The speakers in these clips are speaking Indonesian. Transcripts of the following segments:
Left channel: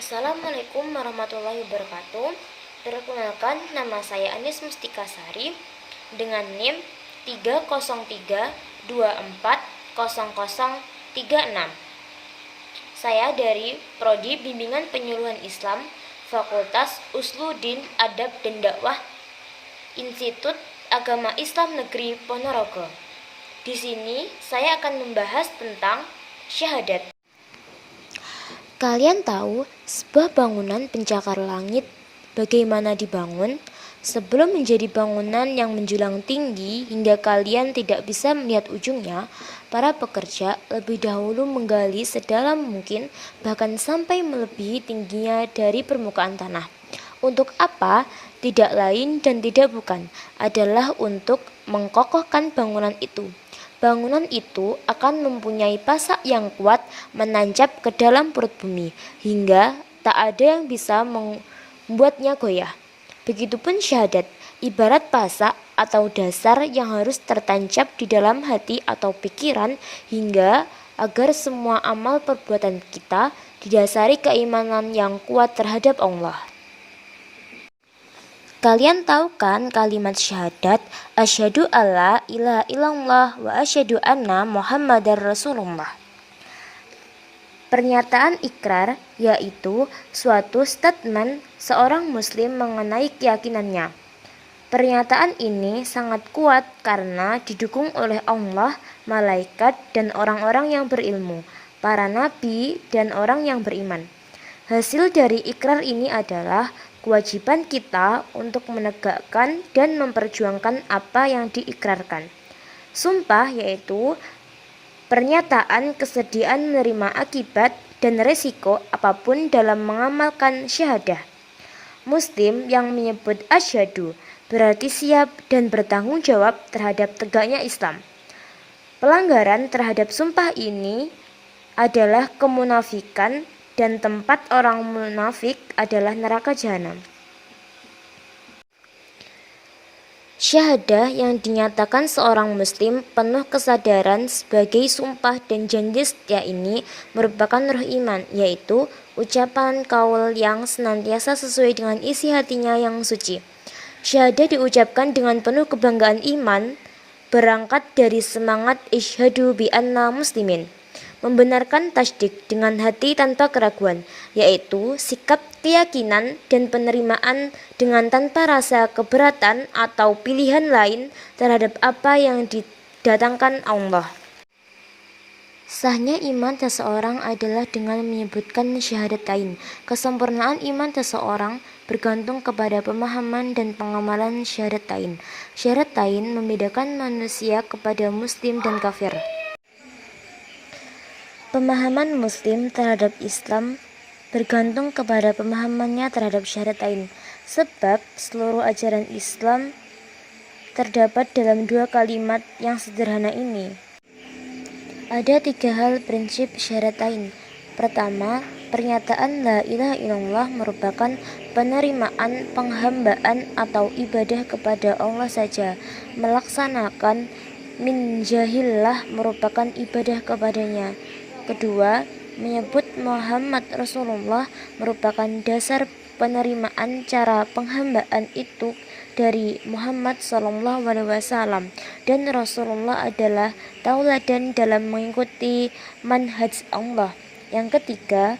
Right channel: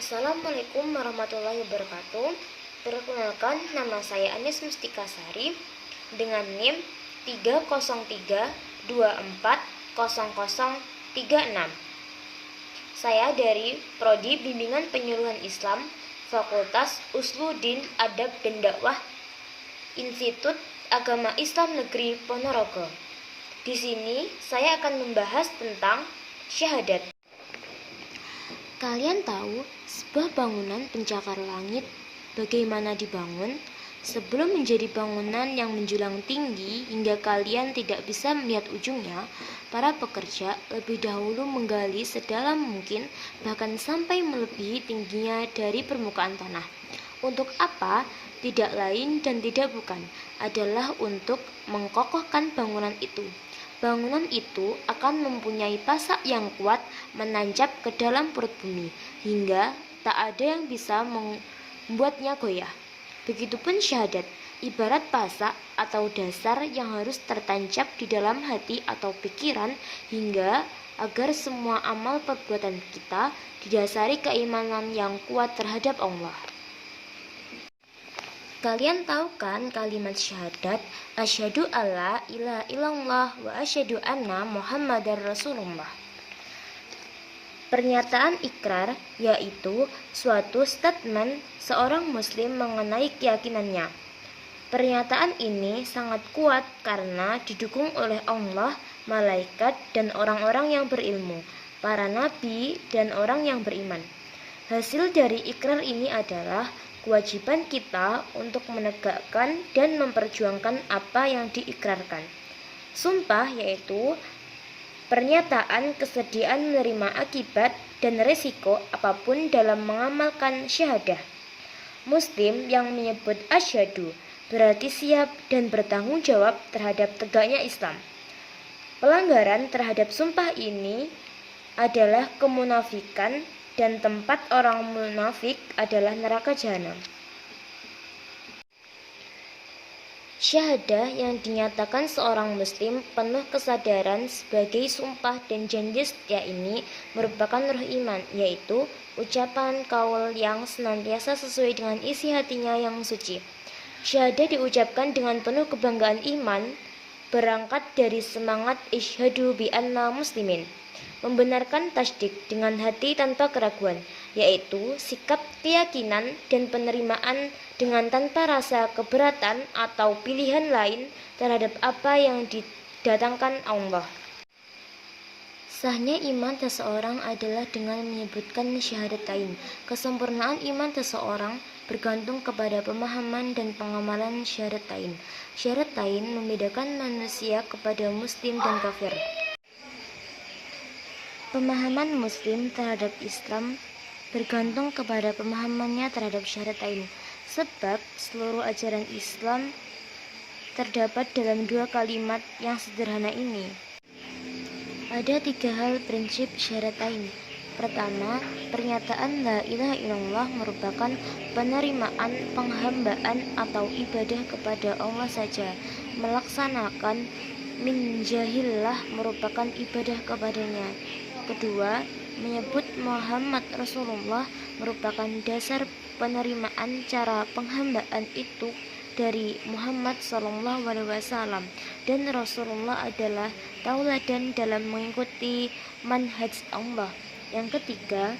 Assalamualaikum warahmatullahi wabarakatuh. Perkenalkan, nama saya Anis Mustika Sari dengan NIM 303240036. Saya dari Prodi Bimbingan Penyuluhan Islam, Fakultas Usluddin Adab dan Dakwah, Institut Agama Islam Negeri Ponorogo. Di sini saya akan membahas tentang syahadat. Kalian tahu sebuah bangunan pencakar langit bagaimana dibangun? Sebelum menjadi bangunan yang menjulang tinggi hingga kalian tidak bisa melihat ujungnya, para pekerja lebih dahulu menggali sedalam mungkin, bahkan sampai melebihi tingginya dari permukaan tanah. Untuk apa? Tidak lain dan tidak bukan, adalah untuk mengkokohkan bangunan itu. Bangunan itu akan mempunyai pasak yang kuat menancap ke dalam perut bumi, hingga tak ada yang bisa membuatnya goyah. Begitupun syahadat, ibarat pasak atau dasar yang harus tertancap di dalam hati atau pikiran, hingga agar semua amal perbuatan kita didasari keimanan yang kuat terhadap Allah. Kalian tahu kan kalimat syahadat, asyhadu alla ilaha illallah wa asyhadu anna muhammadar rasulullah. Pernyataan ikrar yaitu suatu statement seorang muslim mengenai keyakinannya. Pernyataan ini sangat kuat karena didukung oleh Allah, malaikat, dan orang-orang yang berilmu, para nabi, dan orang yang beriman. Hasil dari ikrar ini adalah kewajiban kita untuk menegakkan dan memperjuangkan apa yang diikrarkan. Sumpah yaitu pernyataan kesediaan menerima akibat dan resiko apapun dalam mengamalkan syahadah. Muslim yang menyebut asyhadu berarti siap dan bertanggung jawab terhadap tegaknya Islam. Pelanggaran terhadap sumpah ini adalah kemunafikan, dan tempat orang munafik adalah neraka jahanam. Syahadah yang dinyatakan seorang muslim penuh kesadaran sebagai sumpah dan janji setia ini merupakan ruh iman, yaitu ucapan kaul yang senantiasa sesuai dengan isi hatinya yang suci. Syahadah diucapkan dengan penuh kebanggaan iman, berangkat dari semangat isyhadu bi anna muslimin. Membenarkan tasdik dengan hati tanpa keraguan, yaitu sikap keyakinan dan penerimaan dengan tanpa rasa keberatan atau pilihan lain terhadap apa yang didatangkan Allah. Sahnya iman seseorang adalah dengan menyebutkan syahadatain. Kesempurnaan iman seseorang bergantung kepada pemahaman dan pengamalan syahadatain. Syahadatain membedakan manusia kepada muslim dan kafir. Pemahaman muslim terhadap Islam bergantung kepada pemahamannya terhadap syahadatain, sebab seluruh ajaran Islam terdapat dalam dua kalimat yang sederhana ini. Ada tiga hal prinsip syahadatain. Pertama, pernyataan la ilaha illallah merupakan penerimaan penghambaan atau ibadah kepada Allah saja. Melaksanakan min jahillah merupakan ibadah kepadanya. Kedua, menyebut Muhammad Rasulullah merupakan dasar penerimaan cara penghambaan itu dari Muhammad SAW, dan Rasulullah adalah tauladan dalam mengikuti manhaj Allah. Yang ketiga,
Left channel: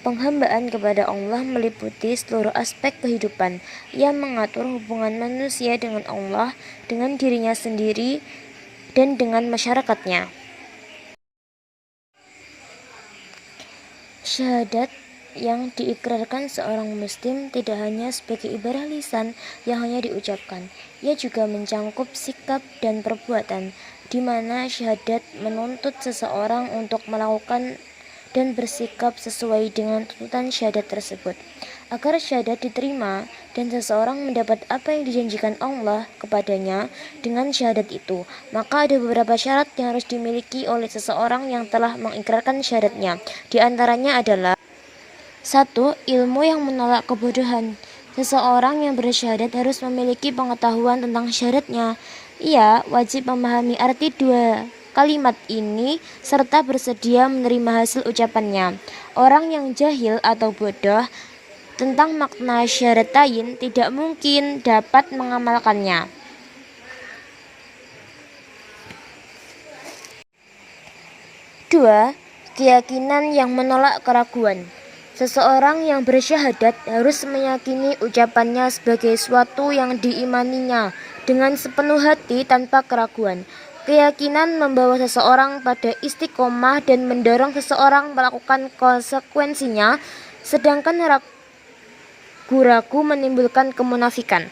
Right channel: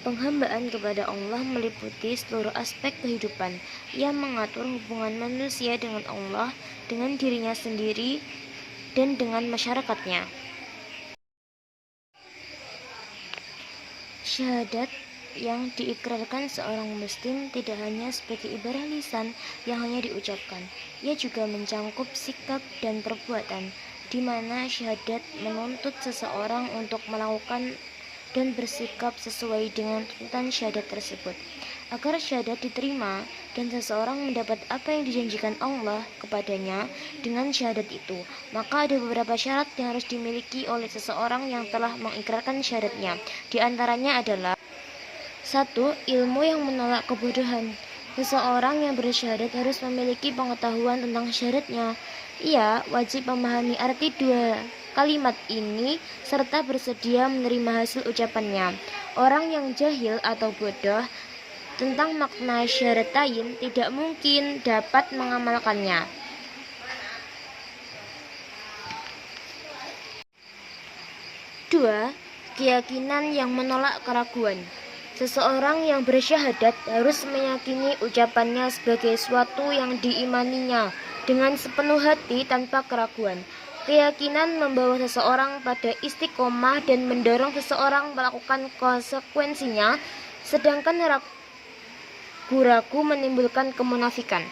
penghambaan kepada Allah meliputi seluruh aspek kehidupan. Ia mengatur hubungan manusia dengan Allah, dengan dirinya sendiri, dan dengan masyarakatnya. Syahadat yang diikrarkan seorang muslim tidak hanya sebagai ibadah lisan yang hanya diucapkan, ia juga mencangkup sikap dan perbuatan, di mana syahadat menuntut seseorang untuk melakukan dan bersikap sesuai dengan tuntutan syahadat tersebut. Agar syahadat diterima dan seseorang mendapat apa yang dijanjikan Allah kepadanya dengan syahadat itu, maka ada beberapa syarat yang harus dimiliki oleh seseorang yang telah mengikrarkan syahadatnya. Di antaranya adalah 1. Ilmu yang menolak kebodohan. Seseorang yang bersyahadat harus memiliki pengetahuan tentang syahadatnya. Ia wajib memahami arti dua kalimat ini serta bersedia menerima hasil ucapannya. Orang yang jahil atau bodoh tentang makna syahadatain tidak mungkin dapat mengamalkannya. 2. Keyakinan yang menolak keraguan. Seseorang yang bersyahadat harus meyakini ucapannya sebagai suatu yang diimaninya dengan sepenuh hati tanpa keraguan. Keyakinan membawa seseorang pada istiqomah dan mendorong seseorang melakukan konsekuensinya, sedangkan ragu-ragu menimbulkan kemunafikan.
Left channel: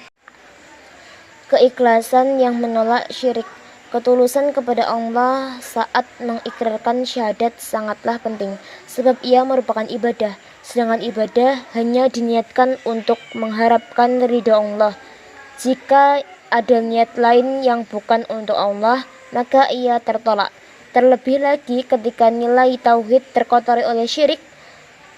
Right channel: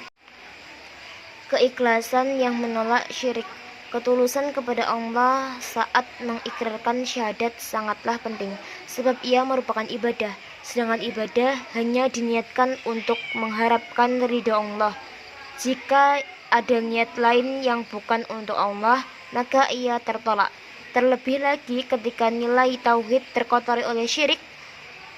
Keikhlasan yang menolak syirik. Ketulusan kepada Allah saat mengikrarkan syahadat sangatlah penting, sebab ia merupakan ibadah, sedangkan ibadah hanya diniatkan untuk mengharapkan ridha Allah. Jika ada niat lain yang bukan untuk Allah, maka ia tertolak. Terlebih lagi ketika nilai tauhid terkotori oleh syirik,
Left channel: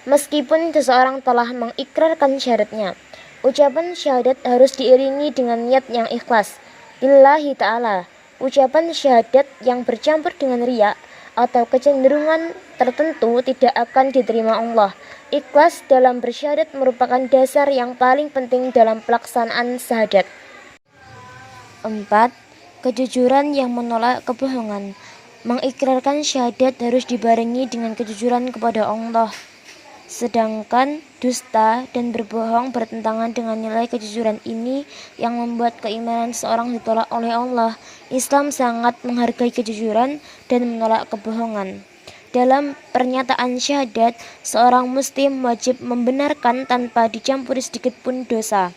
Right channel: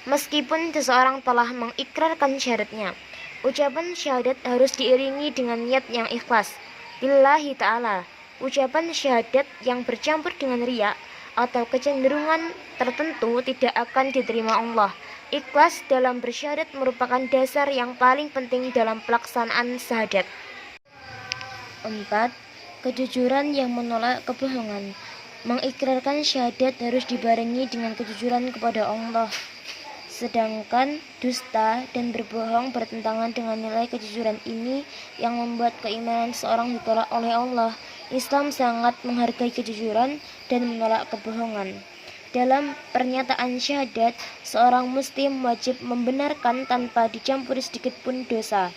meskipun seseorang telah mengikrarkan syahadatnya. Ucapan syahadat harus diiringi dengan niat yang ikhlas lillahi ta'ala. Ucapan syahadat yang bercampur dengan riya atau kecenderungan tertentu tidak akan diterima Allah. Ikhlas dalam bersyahadat merupakan dasar yang paling penting dalam pelaksanaan syahadat. 4. Kejujuran yang menolak kebohongan. Mengikrarkan syahadat harus dibarengi dengan kejujuran kepada Allah. Sedangkan dusta dan berbohong bertentangan dengan nilai kejujuran ini yang membuat keimanan seorang ditolak oleh Allah. Islam sangat menghargai kejujuran dan menolak kebohongan. Dalam pernyataan syahadat, seorang muslim wajib membenarkan tanpa dicampuri sedikit pun dosa.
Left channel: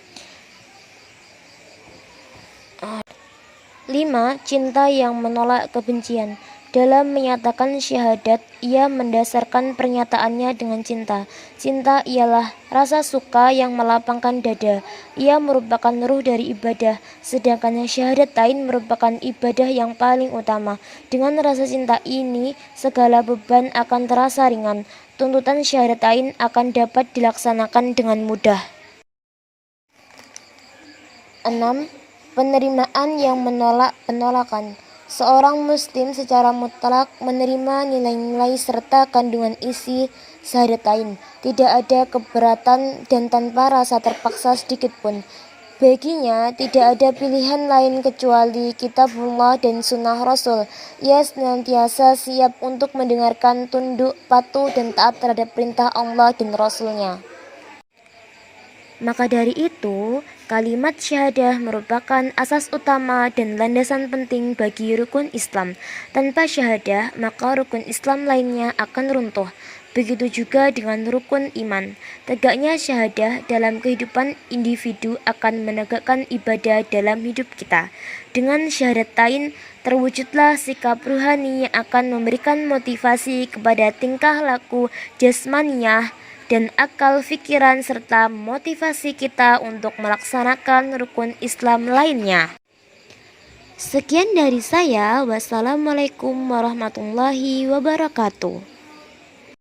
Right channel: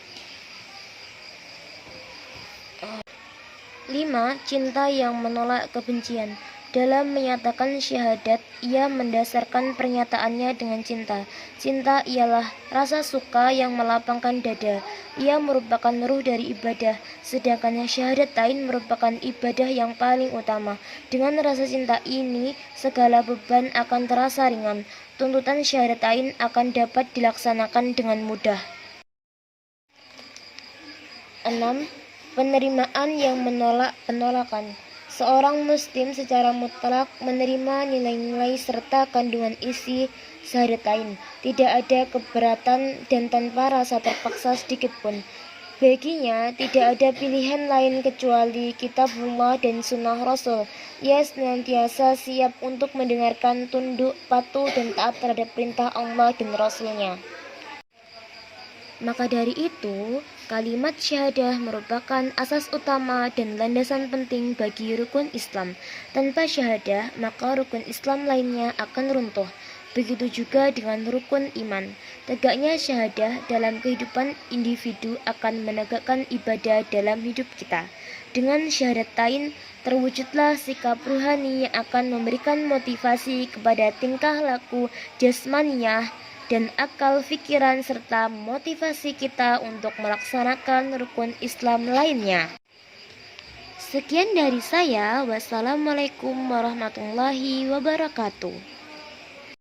5. Cinta yang menolak kebencian. Dalam menyatakan syahadat, ia mendasarkan pernyataannya dengan cinta. Cinta ialah rasa suka yang melapangkan dada. Ia merupakan ruh dari ibadah, sedangkan syahadatain merupakan ibadah yang paling utama. Dengan rasa cinta ini, segala beban akan terasa ringan. Tuntutan syahadatain akan dapat dilaksanakan dengan mudah. 6. Penerimaan yang menolak penolakan. Seorang muslim secara mutlak menerima nilai-nilai serta kandungan isi syahadatain. Tidak ada keberatan dan tanpa rasa terpaksa sedikit pun. Baginya tidak ada pilihan lain kecuali kitabullah dan sunnah Rasul. Ia senantiasa siap untuk mendengarkan, tunduk, patuh dan taat terhadap perintah Allah dan Rasulnya. Maka dari itu, kalimat syahadah merupakan asas utama dan landasan penting bagi rukun Islam. Tanpa syahadah, maka rukun Islam lainnya akan runtuh. Begitu juga dengan rukun iman. Tegaknya syahadah dalam kehidupan individu akan menegakkan ibadah dalam hidup kita. Dengan syahadatain, terwujudlah sikap ruhani yang akan memberikan motivasi kepada tingkah laku jasmaniyah dan akal pikiran serta motivasi kita untuk melaksanakan rukun Islam lainnya. Sekian dari saya. Wassalamualaikum warahmatullahi wabarakatuh.